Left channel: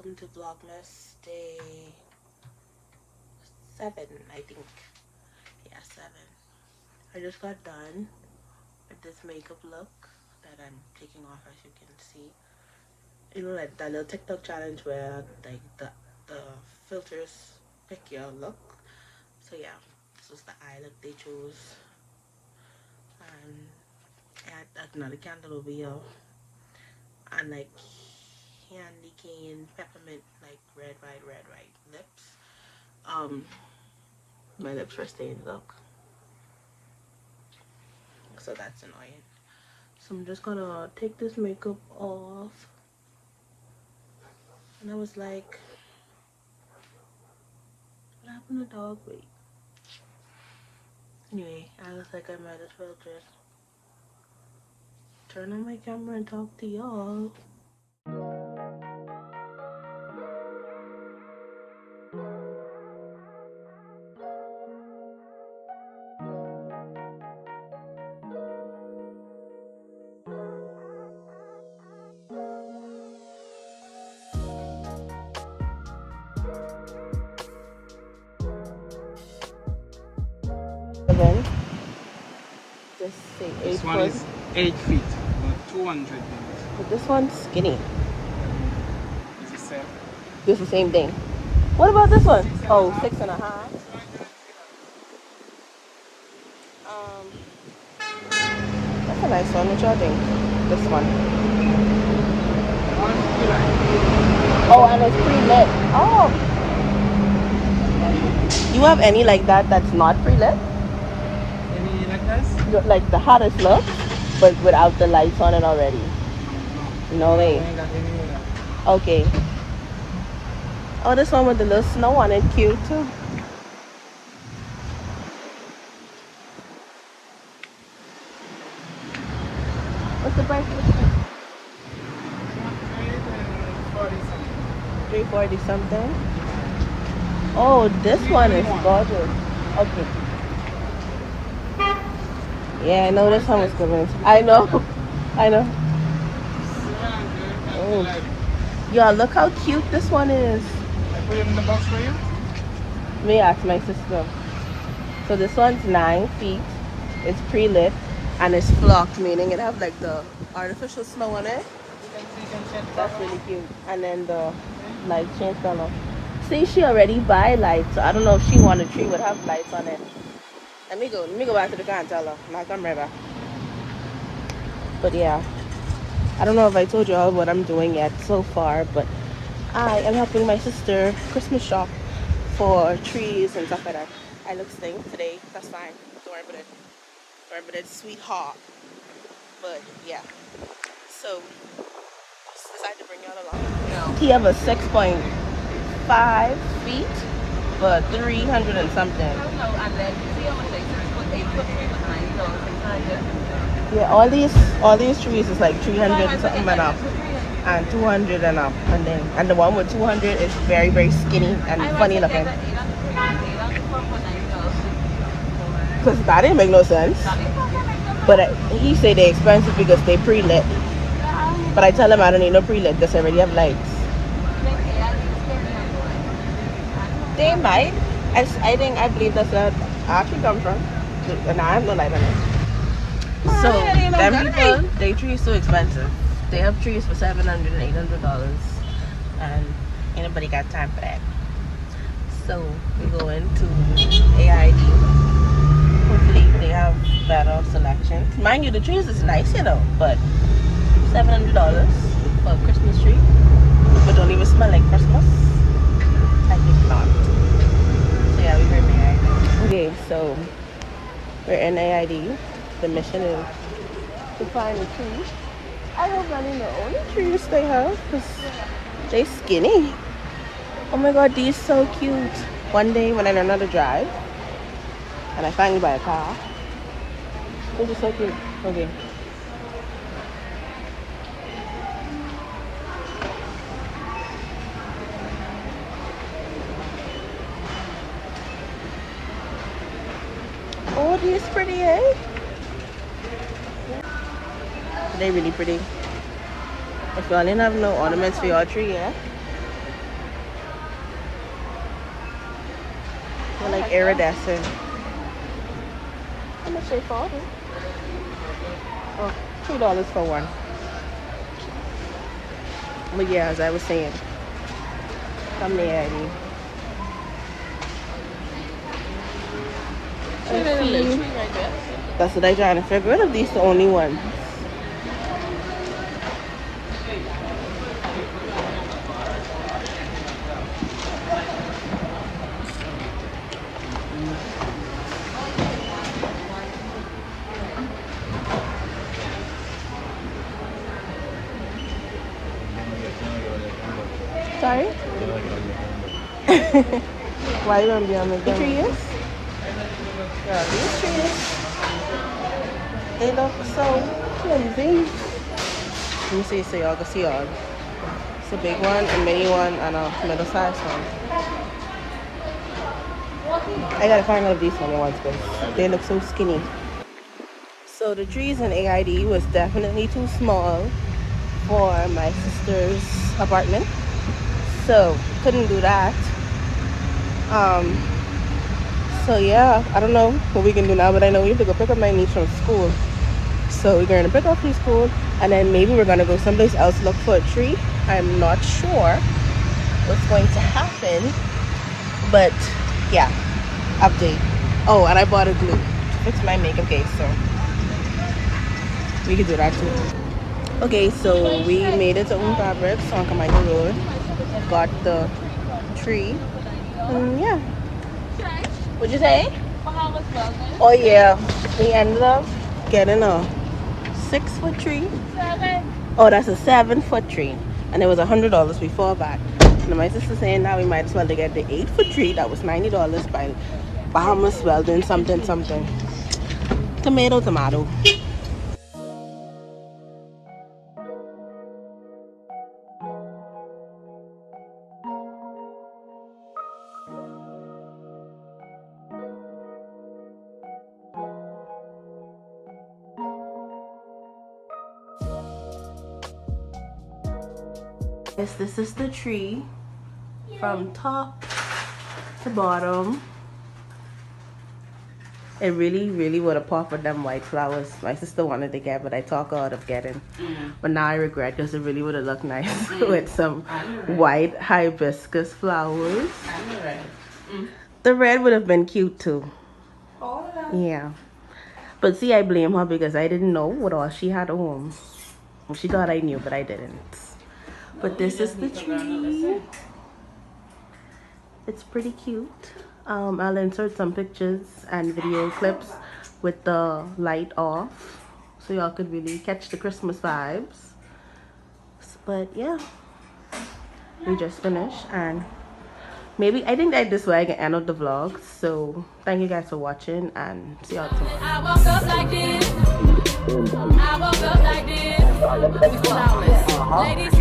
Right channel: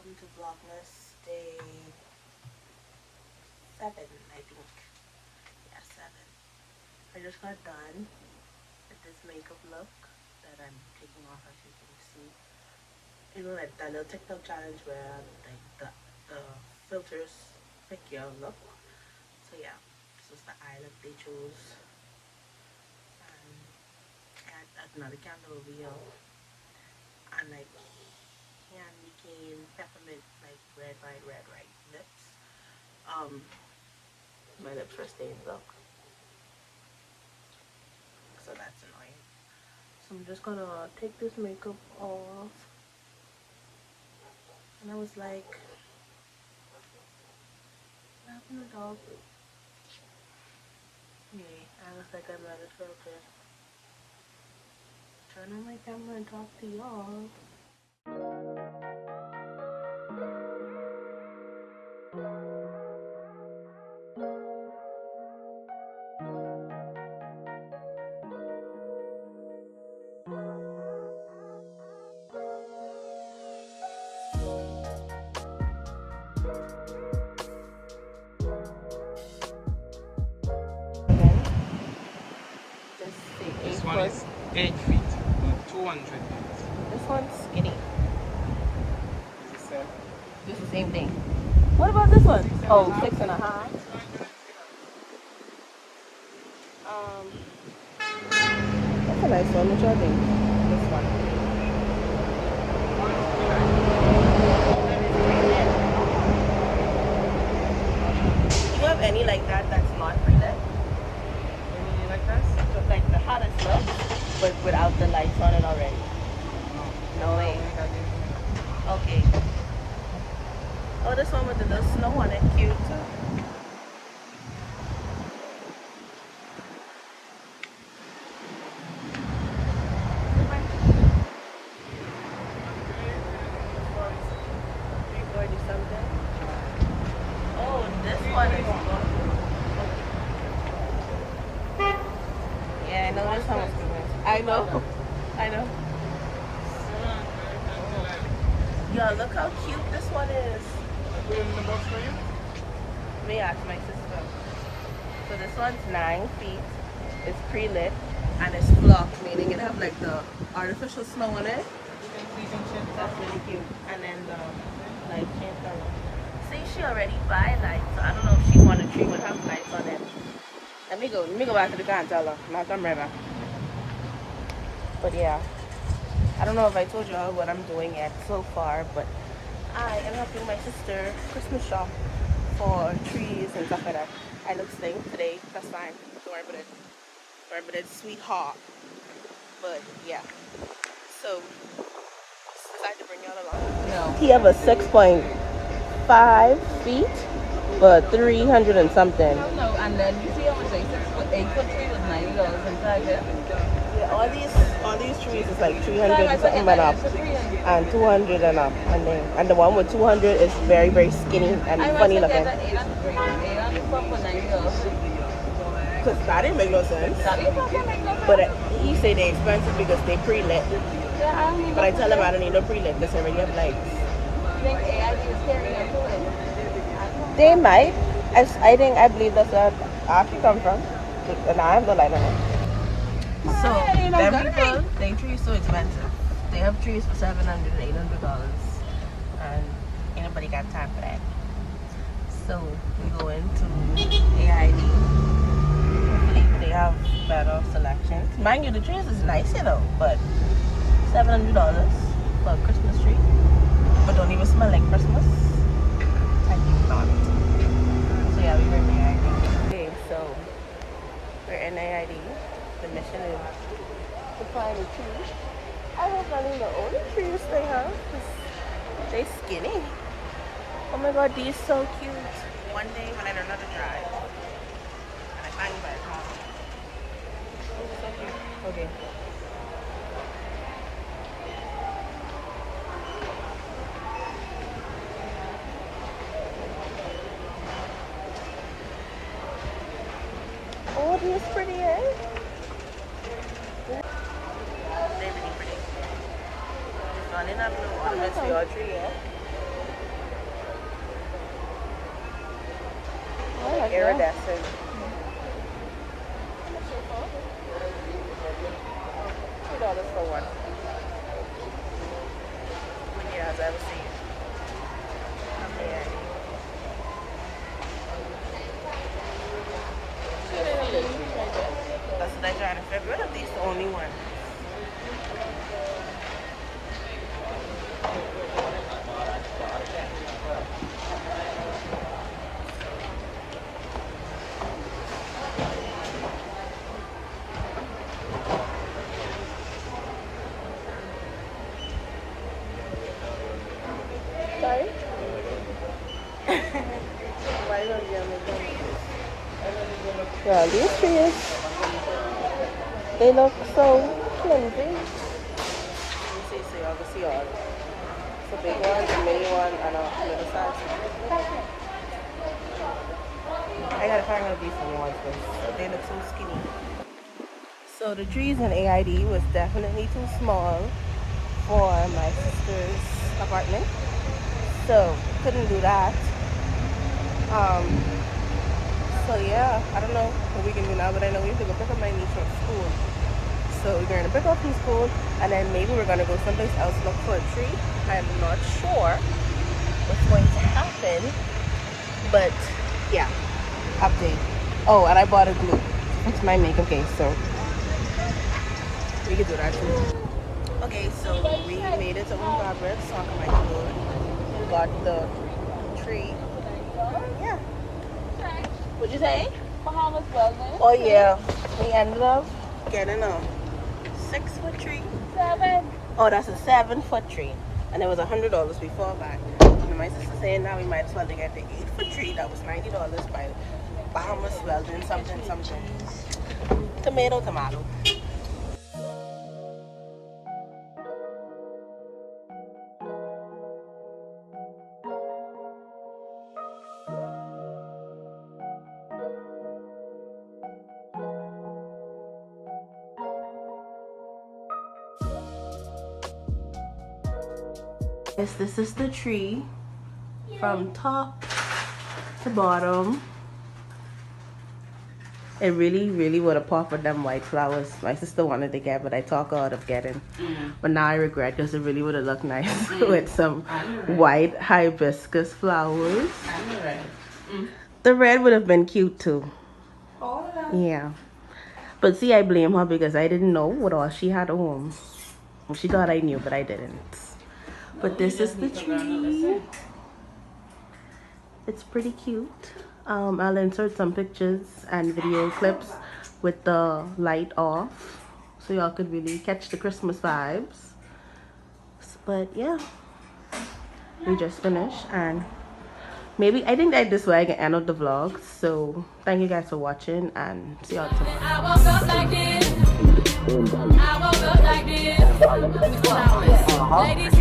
welcome to Vlogmas day 7, I think. Yeah, 7. I just got done with this makeup look that I'm taking off, as you can see. You know, like that little TikTok challenge where like the filters pick your look. So yeah, this was the eye look they chose. And I had another candle over here, and like candy cane, peppermint, like red, white lips. My lips were stained, look. So that's annoying. So I'm just gonna take this makeup off. And I was like, what happened to dog? Wait. Anyway, I was like, I might as well just turn on my camera and talk to y'all. This one is 8 feet, but 200. But this one's skinny. It's the same. This is the same thing. What about this one? Oh, 6.5. That's a nice one. What y'all think? This one. Oh, and it's pre-lit. Oh. You have any like that that's not pre-lit? Any like this? Like the hottest look, but without the lights on it already. No way. I ain't got any of that. Okay. Oh, this one with the little snow on it, cute too. What's the price of this one? 340 something. Oh, this one is gorgeous. Okay. Yeah, I know this one was good. I know. I know. Oh. Yeah, look how cute this one is. Let me ask my sister. So this one's 9 feet. It's pre-lit and it's flocked, meaning it have like the artificial snow on it. That's really cute. And then the light change color. See, she already buy lights, so I don't know if she wanted tree would have lights on it. Let me go back to the car and tell her. Now come right back. But yeah, I don't know if I told you all what I'm doing yet so far, but I am helping my sister Christmas shop for trees and stuff like that. I look stink today. That's fine. Don't worry about it. Don't worry about it, sweetheart. But yeah, so decided to bring y'all along. He have a 6.5 feet, but 300 and something. Yeah, all these trees is like 300 and something and up, and 200 and up, and the one with 200 is very skinny and funny looking. Cause that didn't make no sense. But he say they're expensive because they pre-lit. But I tell him I don't need no pre-lit because I already have lights. They might. I believe that's where I actually come from. But now I have no light on it. So, them people, their trees so expensive. They have trees for $700 and $800, and ain't nobody got time for that. So, we go into AID. Hopefully, they have better selections. Mind you, the trees is nice, you know, but $700 for a Christmas tree, but don't even smell like Christmas. I think not. So, yeah, we're in AID. Okay, so we're in AID. The mission is to find a tree. I hope that ain't the only trees they have, because they skinny. Oh my god, these so cute. One day when I learn how to drive and I finally buy a car, this is so cute. Okay. Oh, these pretty, eh? They're really pretty. If y'all didn't have no ornaments for your tree, yeah? like iridescent. How much they for? Well, $2 for one. But yeah, as I was saying, come here. That's what I trying to figure out if these the only ones. Sorry? Why you want to be on the trees? Yeah, these trees. They look so flimsy. Let me see so y'all can see all. It's a big one, a mini one, and a middle sized one. I gotta find out if these one ones because they look so skinny. So the trees in AID was definitely too small for my sister's apartment. So couldn't do that. So yeah, I don't know what we can do now, but I know we have to go pick up my niece from school. So we're going to pick up from school, and then maybe we're going to go someplace else look for a tree. I'm not sure what's going to happen, but yeah, update. Oh, and I bought a glue. It's my makeup case, so we can do that too. Okay, so we made it to Fabrics on Kamaiga Road. Got the tree. Yeah. What'd you say? Oh yeah, we ended up getting a 6-foot tree. Oh, that's a 7-foot tree, and it was $100 before that. And my sister saying now we might as well to get the 8-foot tree that was $90 by Bahamas Welding something. Tomato. Yes, this is the tree from top to bottom. It really would have popped with them white flowers. My sister wanted to get, but I talked her out of getting. But now I regret because it really would have looked nice with some white hibiscus flowers. The red would have been cute too. Yeah. But see, I blame her because I didn't know what all she had at home. She thought I knew, but I didn't. But this is the tree. It's pretty cute. I'll insert some pictures and video clips with the light off so y'all could really catch the Christmas vibes. But yeah, we just finished, and maybe I think that this way I can end up the vlog. So thank you guys for watching, and see y'all tomorrow. I woke up like this. I woke up like this. Ladies,